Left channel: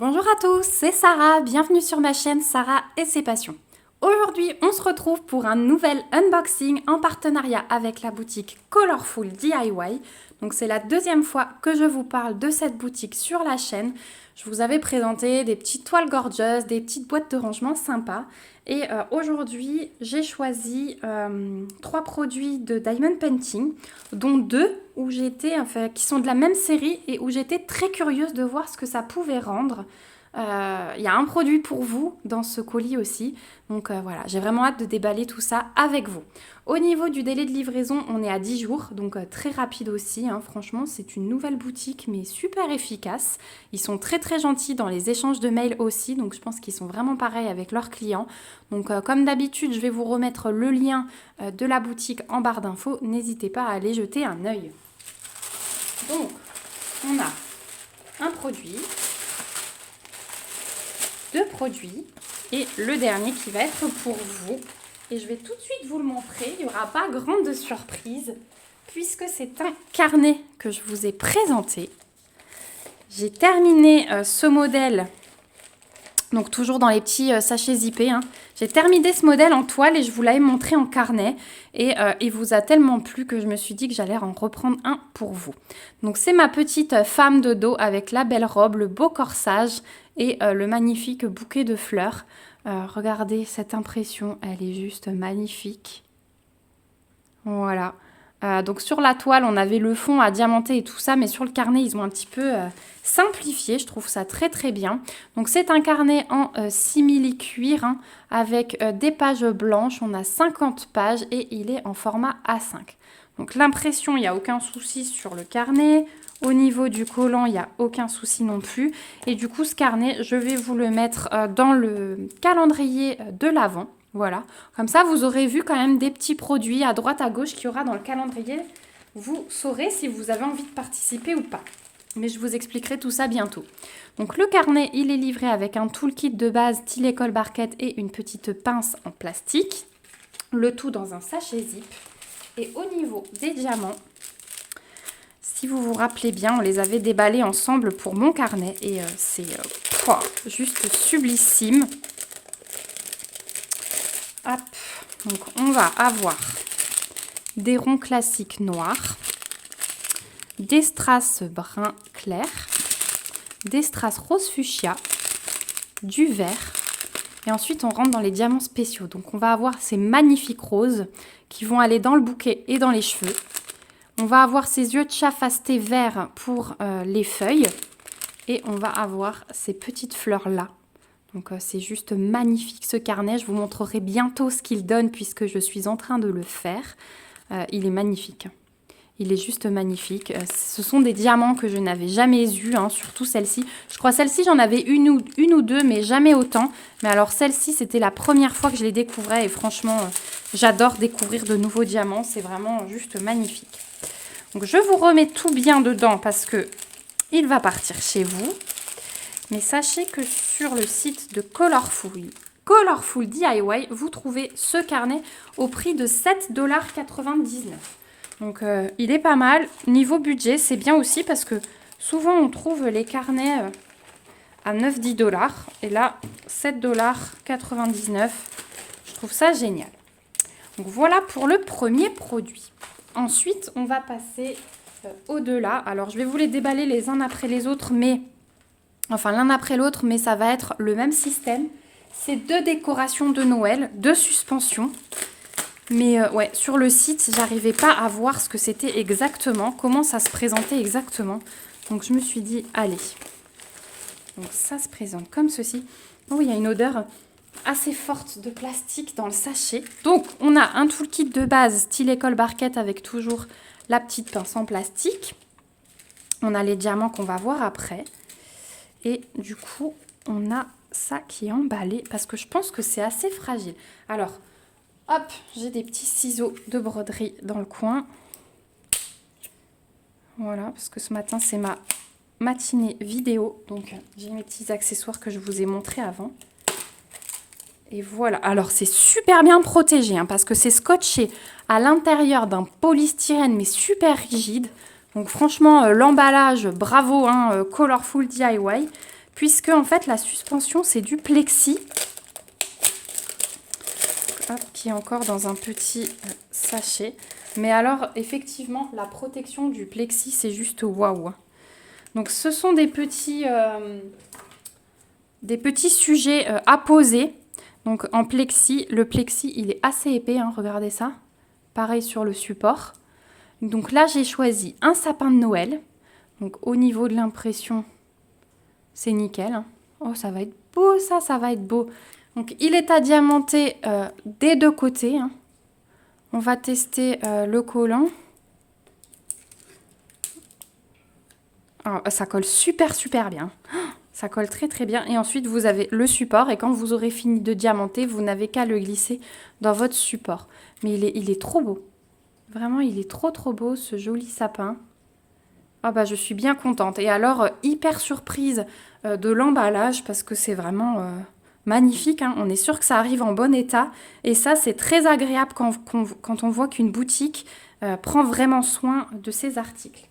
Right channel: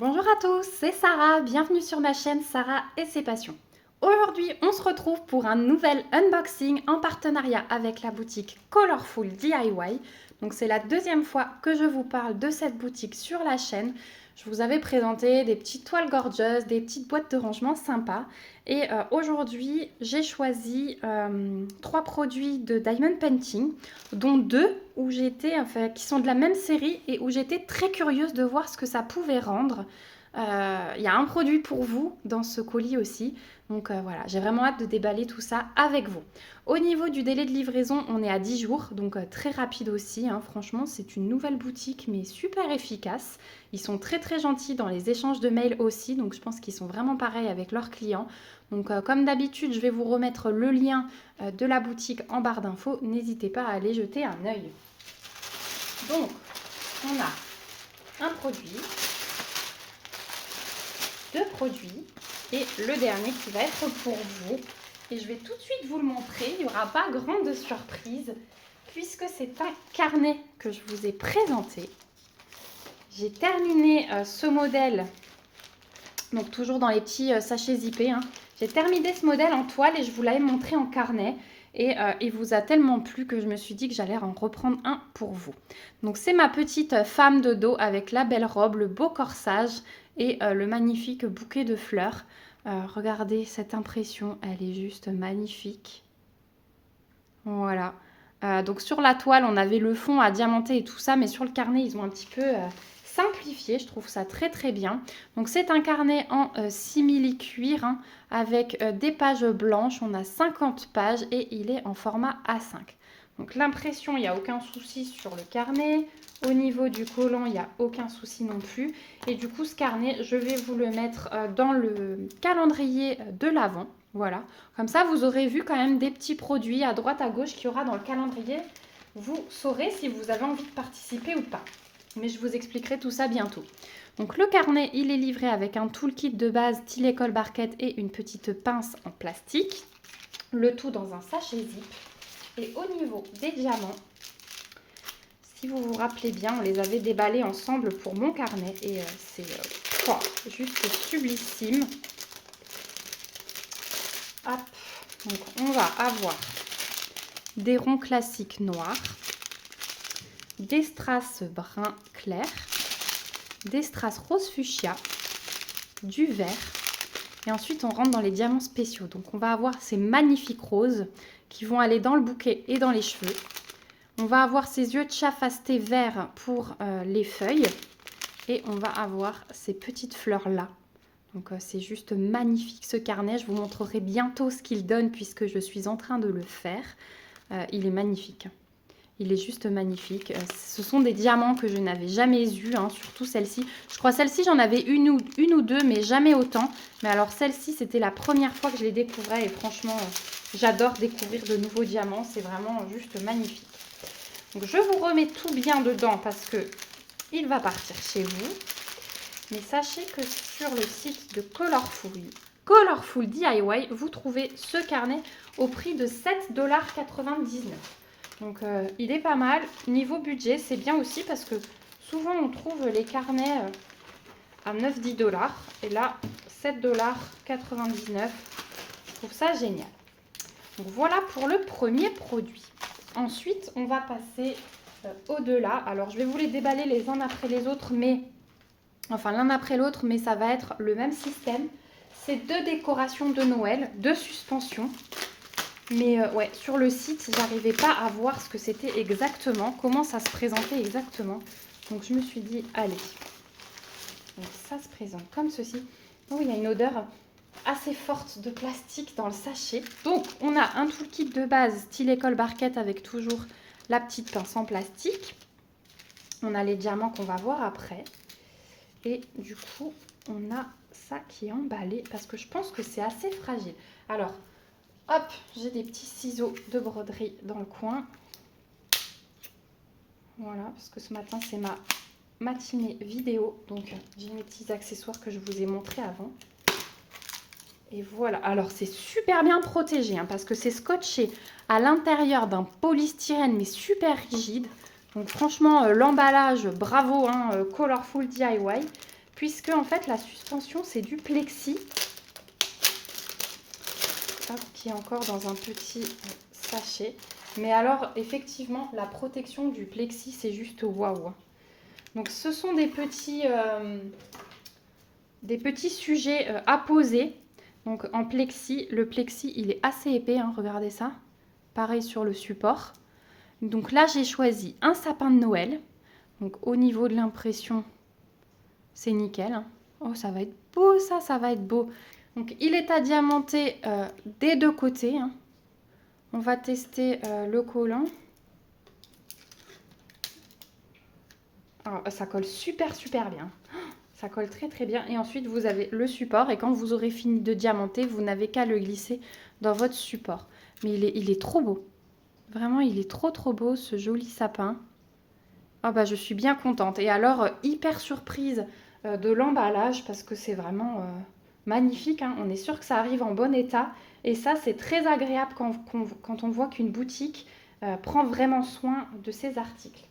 Bonjour à tous, c'est Sarah, bienvenue sur ma chaîne Sarah et ses passions. Aujourd'hui, on se retrouve pour un nouvel unboxing en partenariat avec la boutique Colorful DIY. Donc c'est la deuxième fois que je vous parle de cette boutique sur la chaîne. Je vous avais présenté des petites toiles gorgeous, des petites boîtes de rangement sympas. Et aujourd'hui, j'ai choisi 3 produits de Diamond Painting, dont 2 qui sont de la même série et où j'étais très curieuse de voir ce que ça pouvait rendre. Il y a un produit pour vous dans ce colis aussi. Donc voilà, j'ai vraiment hâte de déballer tout ça avec vous. Au niveau du délai de livraison, on est à 10 jours, donc très rapide aussi. Franchement, c'est une nouvelle boutique, mais super efficace. Ils sont très très gentils dans les échanges de mails aussi, donc je pense qu'ils sont vraiment pareils avec leurs clients. Donc comme d'habitude, je vais vous remettre le lien de la boutique en barre d'infos. N'hésitez pas à aller jeter un œil. Donc, on a un produit, 2 produits et le dernier qui va être pour vous. Et je vais tout de suite vous le montrer, il n'y aura pas grande surprise puisque c'est un carnet que je vous ai présenté. J'ai terminé ce modèle, donc toujours dans les petits sachets zippés. J'ai terminé ce modèle en toile et je vous l'avais montré en carnet. Et il vous a tellement plu que je me suis dit que j'allais en reprendre un pour vous. Donc c'est ma petite femme de dos avec la belle robe, le beau corsage et le magnifique bouquet de fleurs. Regardez cette impression, elle est juste magnifique. Voilà. Donc sur la toile, on avait le fond à diamanter et tout ça, mais sur le carnet, ils ont un petit peu simplifié. Je trouve ça très très bien. Donc c'est un carnet en simili cuir avec des pages blanches. On a 50 pages et il est en format A5. Donc l'impression, il n'y a aucun souci sur le carnet. Au niveau du collant, il n'y a aucun souci non plus. Et du coup, ce carnet, je vais vous le mettre dans le calendrier de l'Avent. Voilà, comme ça vous aurez vu quand même des petits produits à droite à gauche qu'il y aura dans le calendrier. Vous saurez si vous avez envie de participer ou pas. Mais je vous expliquerai tout ça bientôt. Donc le carnet, il est livré avec un toolkit de base, stylet colle barquette et une petite pince en plastique. Le tout dans un sachet zip. Et au niveau des diamants, si vous vous rappelez bien, on les avait déballés ensemble pour mon carnet. Et c'est juste sublissime. Hop, donc on va avoir des ronds classiques noirs, des strass brun clair, des strass rose fuchsia, du vert et ensuite on rentre dans les diamants spéciaux. Donc on va avoir ces magnifiques roses qui vont aller dans le bouquet et dans les cheveux. On va avoir ces yeux de chat fastés verts pour les feuilles et on va avoir ces petites fleurs là. Donc c'est juste magnifique ce carnet, je vous montrerai bientôt ce qu'il donne puisque je suis en train de le faire. Il est magnifique, il est juste magnifique. Ce sont des diamants que je n'avais jamais eus, surtout celle-ci. Je crois celle-ci j'en avais une ou deux mais jamais autant. Mais alors celle-ci c'était la première fois que je les découvrais et franchement j'adore découvrir de nouveaux diamants, c'est vraiment juste magnifique. Donc je vous remets tout bien dedans parce que il va partir chez vous. Mais sachez que sur le site de Colorful DIY, vous trouvez ce carnet au prix de 7,99 $. Donc il est pas mal. Niveau budget, c'est bien aussi parce que souvent on trouve les carnets à 9-10 $. Et là, 7,99 $. Je trouve ça génial. Donc voilà pour le premier produit. Ensuite, on va passer au-delà. Alors je vais vous les déballer les uns après les autres, mais... Enfin, l'un après l'autre, mais ça va être le même système. C'est 2 décorations de Noël, 2 suspensions. Mais ouais, sur le site, j'arrivais pas à voir ce que c'était exactement, comment ça se présentait exactement. Donc, je me suis dit, allez. Donc, ça se présente comme ceci. Oh, il y a une odeur assez forte de plastique dans le sachet. Donc, on a un toolkit de base, stylet colle barquette avec toujours la petite pince en plastique. On a les diamants qu'on va voir après. Et du coup, on a ça qui est emballé parce que je pense que c'est assez fragile. Alors, hop, j'ai des petits ciseaux de broderie dans le coin. Voilà, parce que ce matin, c'est ma matinée vidéo. Donc, j'ai mes petits accessoires que je vous ai montrés avant. Et voilà. Alors, c'est super bien protégé parce que c'est scotché à l'intérieur d'un polystyrène, mais super rigide. Donc franchement, l'emballage, bravo, Colorful DIY. puisque en fait la suspension c'est du plexi. Hop, qui est encore dans un petit sachet. Mais alors effectivement la protection du plexi c'est juste waouh. Donc ce sont des petits sujets à poser. Donc en plexi, le plexi il est assez épais, hein, regardez ça. Pareil sur le support. Donc là j'ai choisi un sapin de Noël. Donc au niveau de l'impression, c'est nickel, hein. Oh ça va être beau ça va être beau. Donc il est à diamanter des deux côtés, hein. On va tester le collant. Alors, ça colle super bien. Ça colle très bien. Et ensuite, vous avez le support. Et quand vous aurez fini de diamanter, vous n'avez qu'à le glisser dans votre support. Mais il est trop beau. Vraiment, il est trop beau, ce joli sapin. Ah bah, je suis bien contente. Et alors, hyper surprise de l'emballage parce que c'est vraiment magnifique, hein. On est sûr que ça arrive en bon état. Et ça, c'est très agréable quand on voit qu'une boutique prend vraiment soin de ses articles.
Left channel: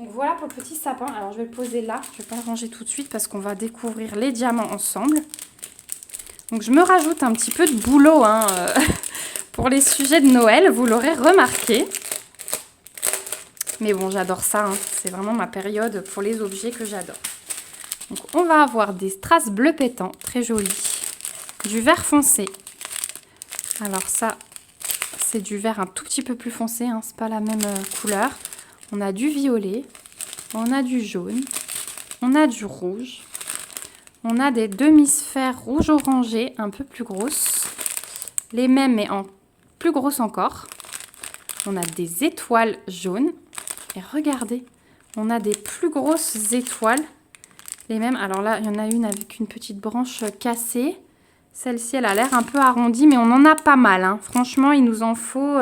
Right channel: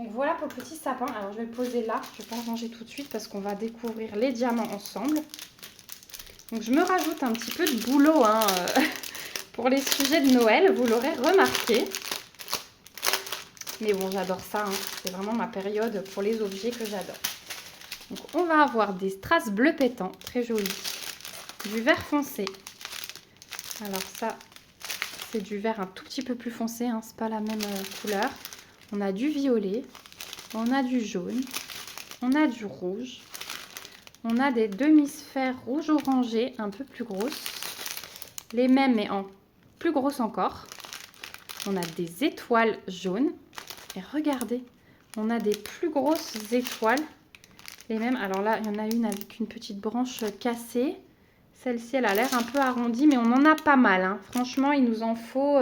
Donc voilà pour le petit sapin. Alors je vais le poser là, je ne vais pas le ranger tout de suite parce qu'on va découvrir les diamants ensemble. Donc je me rajoute un petit peu de boulot hein, pour les sujets de Noël, vous l'aurez remarqué. Mais bon, j'adore ça, hein. C'est vraiment ma période pour les objets que j'adore. Donc on va avoir des strass bleu pétant, très jolis. Du vert foncé. Alors ça, c'est du vert un tout petit peu plus foncé, hein, c'est pas la même couleur. On a du violet, on a du jaune, on a du rouge, on a des demi-sphères rouge orangé un peu plus grosses, les mêmes mais en plus grosses encore. On a des étoiles jaunes et regardez, on a des plus grosses étoiles, les mêmes. Alors là, il y en a une avec une petite branche cassée. Celle-ci, elle a l'air un peu arrondie, mais on en a pas mal, hein. Franchement, il nous en faut...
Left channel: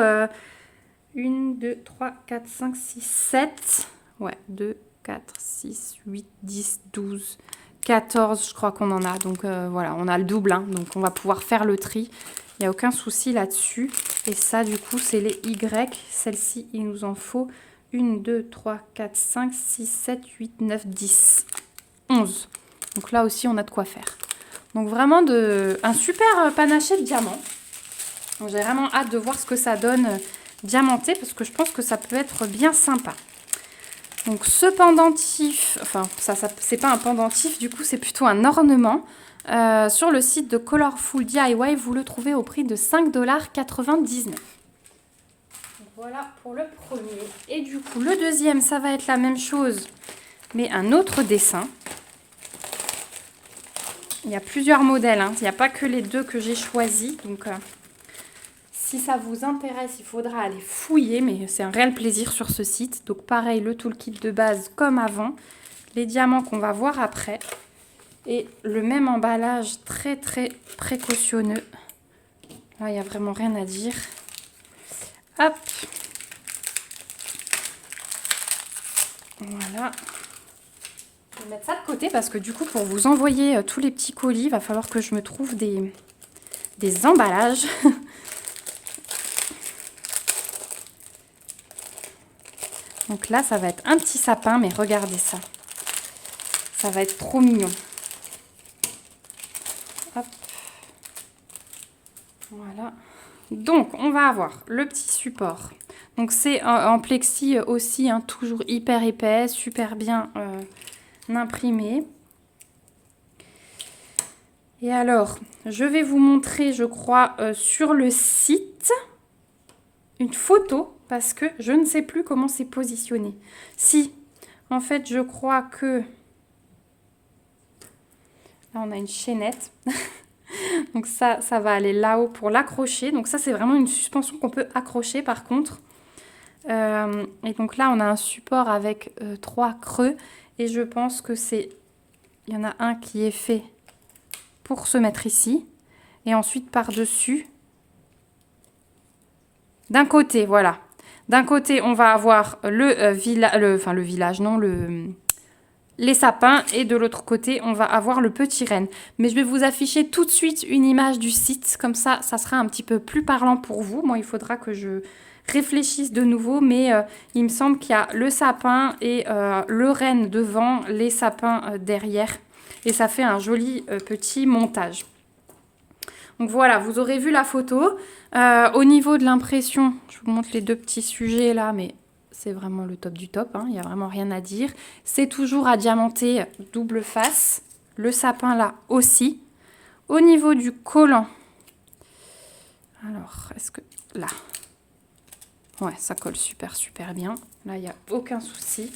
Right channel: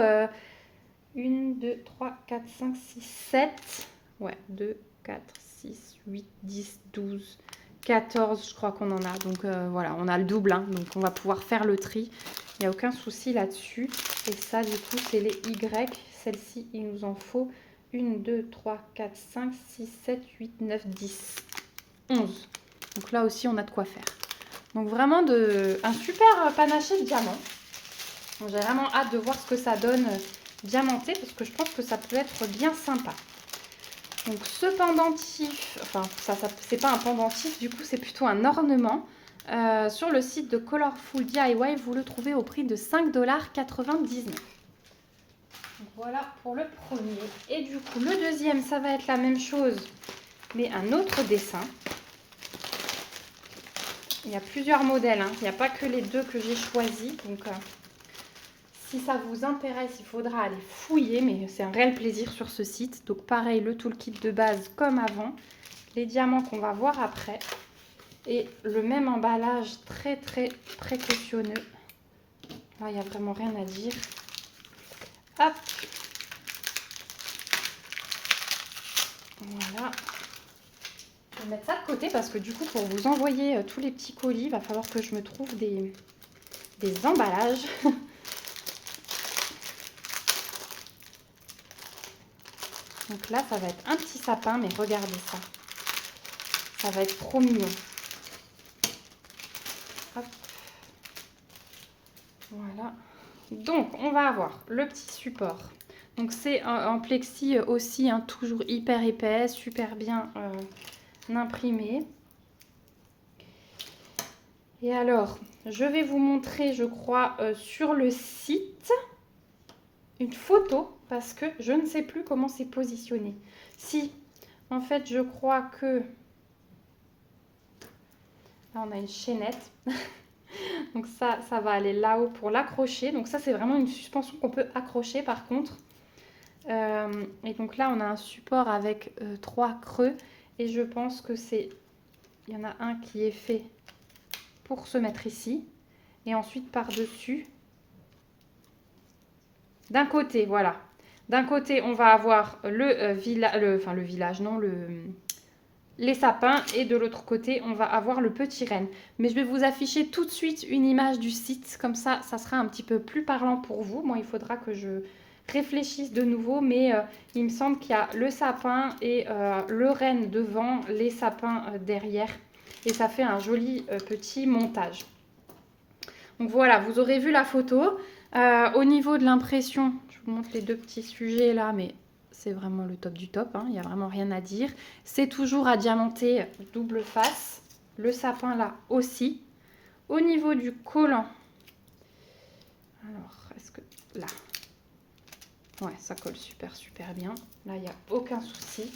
1, 2, 3, 4, 5, 6, 7. Ouais, 2, 4, 6, 8, 10, 12, 14, je crois qu'on en a. Donc voilà, on a le double, hein, donc on va pouvoir faire le tri. Il n'y a aucun souci là-dessus. Et ça, du coup, c'est les Y. Celle-ci, il nous en faut 1, 2, 3, 4, 5, 6, 7, 8, 9, 10, 11. Donc là aussi, on a de quoi faire. Donc vraiment un super panaché de diamants. J'ai vraiment hâte de voir ce que ça donne diamanté parce que je pense que ça peut être bien sympa. Donc ce pendentif, enfin ça c'est pas un pendentif, du coup c'est plutôt un ornement. Sur le site de Colorful DIY, vous le trouvez au prix de 5,99 $. Voilà pour le premier. Et du coup le deuxième, ça va être la même chose, mais un autre dessin. Il y a plusieurs modèles, hein. Il n'y a pas que les deux que j'ai choisis, donc... Si ça vous intéresse, il faudra aller fouiller, mais c'est un réel plaisir sur ce site. Donc pareil, le toolkit de base comme avant, les diamants qu'on va voir après, et le même emballage très précautionneux. Là, il n'y a vraiment rien à dire. Hop. Voilà. Je vais mettre ça de côté parce que du coup, pour vous envoyer tous les petits colis, il va falloir que je me trouve des emballages. Donc là, ça va être un petit sapin, mais regardez ça. Ça va être trop mignon. Hop. Voilà. Donc, on va avoir le petit support. Donc, c'est en plexi aussi, hein, toujours hyper épais, super bien imprimé. Et alors, je vais vous montrer, je crois, sur le site, une photo. Parce que je ne sais plus comment c'est positionné. Si, en fait, je crois que... Là, on a une chaînette. Donc ça va aller là-haut pour l'accrocher. Donc ça, c'est vraiment une suspension qu'on peut accrocher par contre. Et donc là, on a un support avec 3 creux. Et je pense que c'est... Il y en a un qui est fait pour se mettre ici. Et ensuite, par-dessus. D'un côté, voilà. D'un côté, on va avoir les sapins et de l'autre côté, on va avoir le petit renne. Mais je vais vous afficher tout de suite une image du site, comme ça sera un petit peu plus parlant pour vous. Moi, il faudra que je réfléchisse de nouveau, mais il me semble qu'il y a le sapin et le renne devant, les sapins derrière. et ça fait un joli petit montage. Donc voilà, vous aurez vu la photo. Au niveau de l'impression, je vous montre les deux petits sujets là, mais c'est vraiment le top du top, hein, il n'y a vraiment rien à dire. C'est toujours à diamanter double face. Le sapin là aussi. Au niveau du collant, alors est-ce que là, ouais, ça colle super bien. Là, il n'y a aucun souci.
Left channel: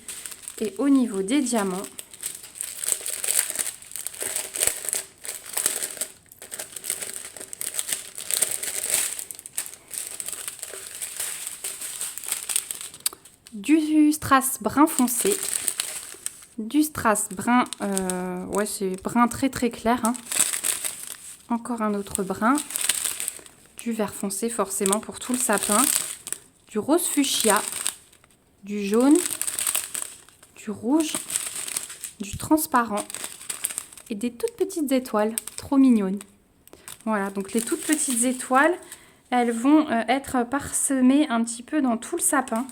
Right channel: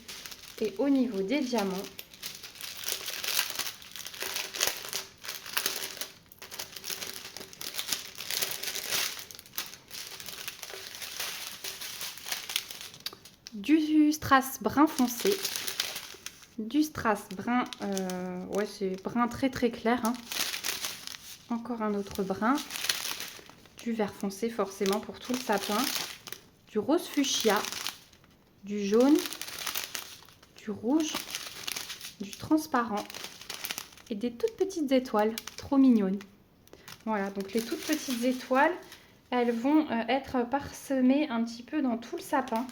Et au niveau des diamants, du strass brun foncé, du strass brun, ouais, c'est brun très clair, hein. Encore un autre brun, du vert foncé forcément pour tout le sapin, du rose fuchsia, du jaune, du rouge, du transparent et des toutes petites étoiles, trop mignonnes. Voilà, donc les toutes petites étoiles, elles vont être parsemées un petit peu dans tout le sapin.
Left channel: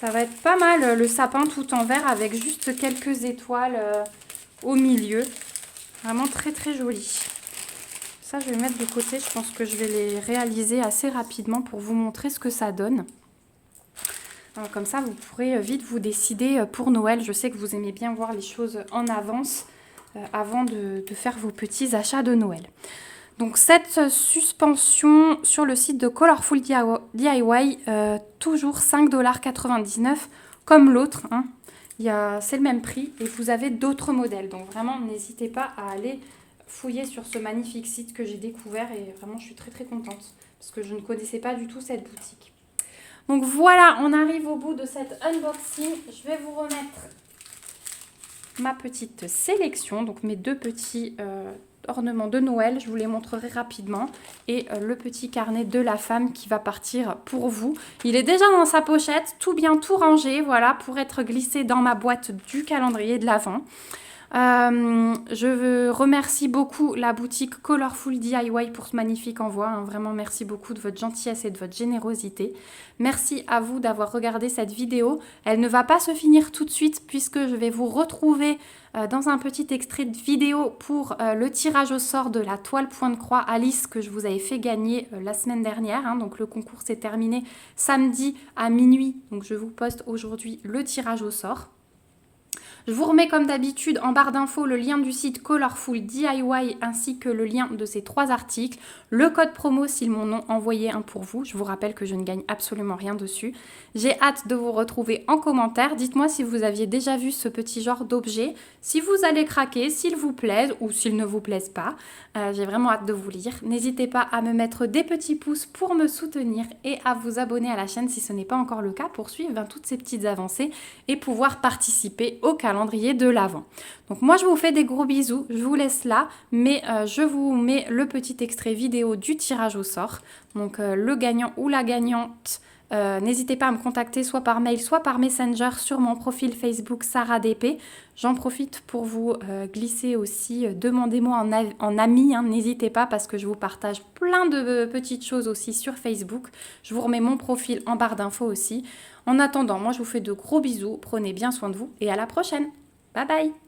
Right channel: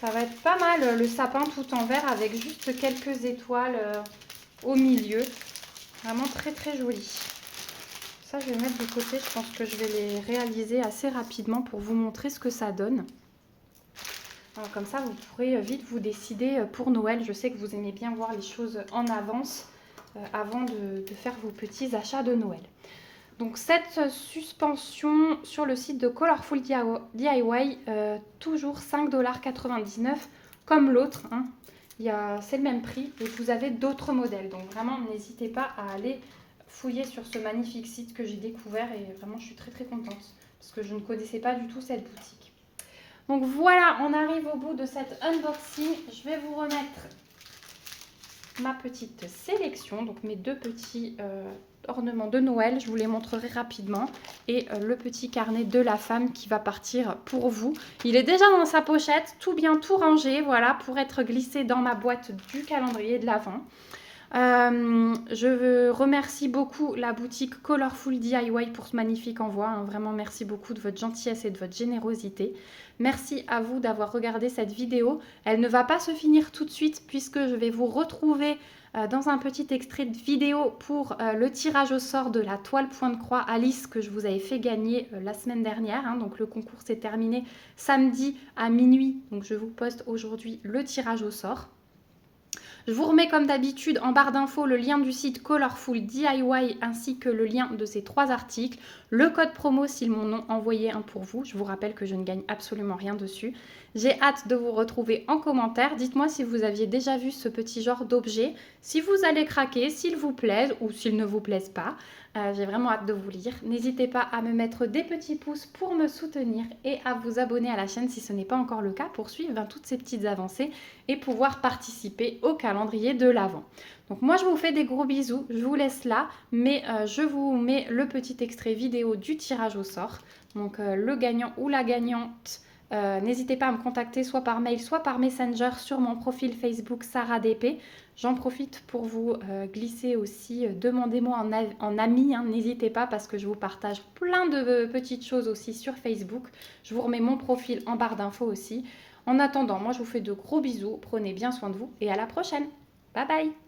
Ça va être pas mal le sapin tout en vert avec juste quelques étoiles au milieu. Vraiment très joli. Ça, je vais le mettre de côté. Je pense que je vais les réaliser assez rapidement pour vous montrer ce que ça donne. Alors, comme ça, vous pourrez vite vous décider pour Noël. Je sais que vous aimez bien voir les choses en avance avant de faire vos petits achats de Noël. Donc, cette suspension sur le site de Colorful DIY, toujours 5,99 $ comme l'autre, hein. C'est le même prix et vous avez d'autres modèles. Donc, vraiment, n'hésitez pas à aller fouiller sur ce magnifique site que j'ai découvert et vraiment, je suis très contente parce que je ne connaissais pas du tout cette boutique. Donc, voilà, on arrive au bout de cette unboxing. Je vais vous remettre ma petite sélection, donc mes deux petits ornements de Noël, je vous les montrerai rapidement, et le petit carnet de la femme qui va partir pour vous. Il est déjà dans sa pochette, tout bien, tout rangé, voilà, pour être glissé dans ma boîte du calendrier de l'Avent. Je remercie beaucoup la boutique Colorful DIY pour ce magnifique envoi, hein. Vraiment merci beaucoup de votre gentillesse et de votre générosité. Merci à vous d'avoir regardé cette vidéo. Elle ne va pas se finir tout de suite puisque je vais vous retrouver dans un petit extrait de vidéo pour le tirage au sort de la toile point de croix Alice que je vous avais fait gagner la semaine dernière, hein. Donc le concours s'est terminé samedi à minuit, donc je vous poste aujourd'hui le tirage au sort. Je vous remets comme d'habitude en barre d'infos le lien du site Colorful DIY ainsi que le lien de ces 3 articles, le code promo s'ils m'en ont envoyé un pour vous. Je vous rappelle que je ne gagne absolument rien dessus. J'ai hâte de vous retrouver en commentaire. Dites-moi si vous aviez déjà vu ce petit genre d'objet, si vous allez craquer, s'il vous plaise ou s'il ne vous plaise pas. J'ai vraiment hâte de vous lire. N'hésitez pas à me mettre des petits pouces pour me soutenir et à vous abonner à la chaîne si ce n'est pas encore le cas pour suivre toutes ces petites avancées et pouvoir participer au calendrier de l'Avent. Donc moi je vous fais des gros bisous, je vous laisse là, mais je vous mets le petit extrait vidéo du tirage au sort. Donc le gagnant ou la gagnante, n'hésitez pas à me contacter soit par mail, soit par Messenger sur mon profil Facebook Sarah DP. J'en profite pour vous glisser aussi, demandez-moi en ami, hein, n'hésitez pas parce que je vous partage plein de petites choses aussi sur Facebook. Je vous remets mon profil en barre d'infos aussi. En attendant, moi je vous fais de gros bisous, prenez bien soin de vous et à la prochaine. Bye bye!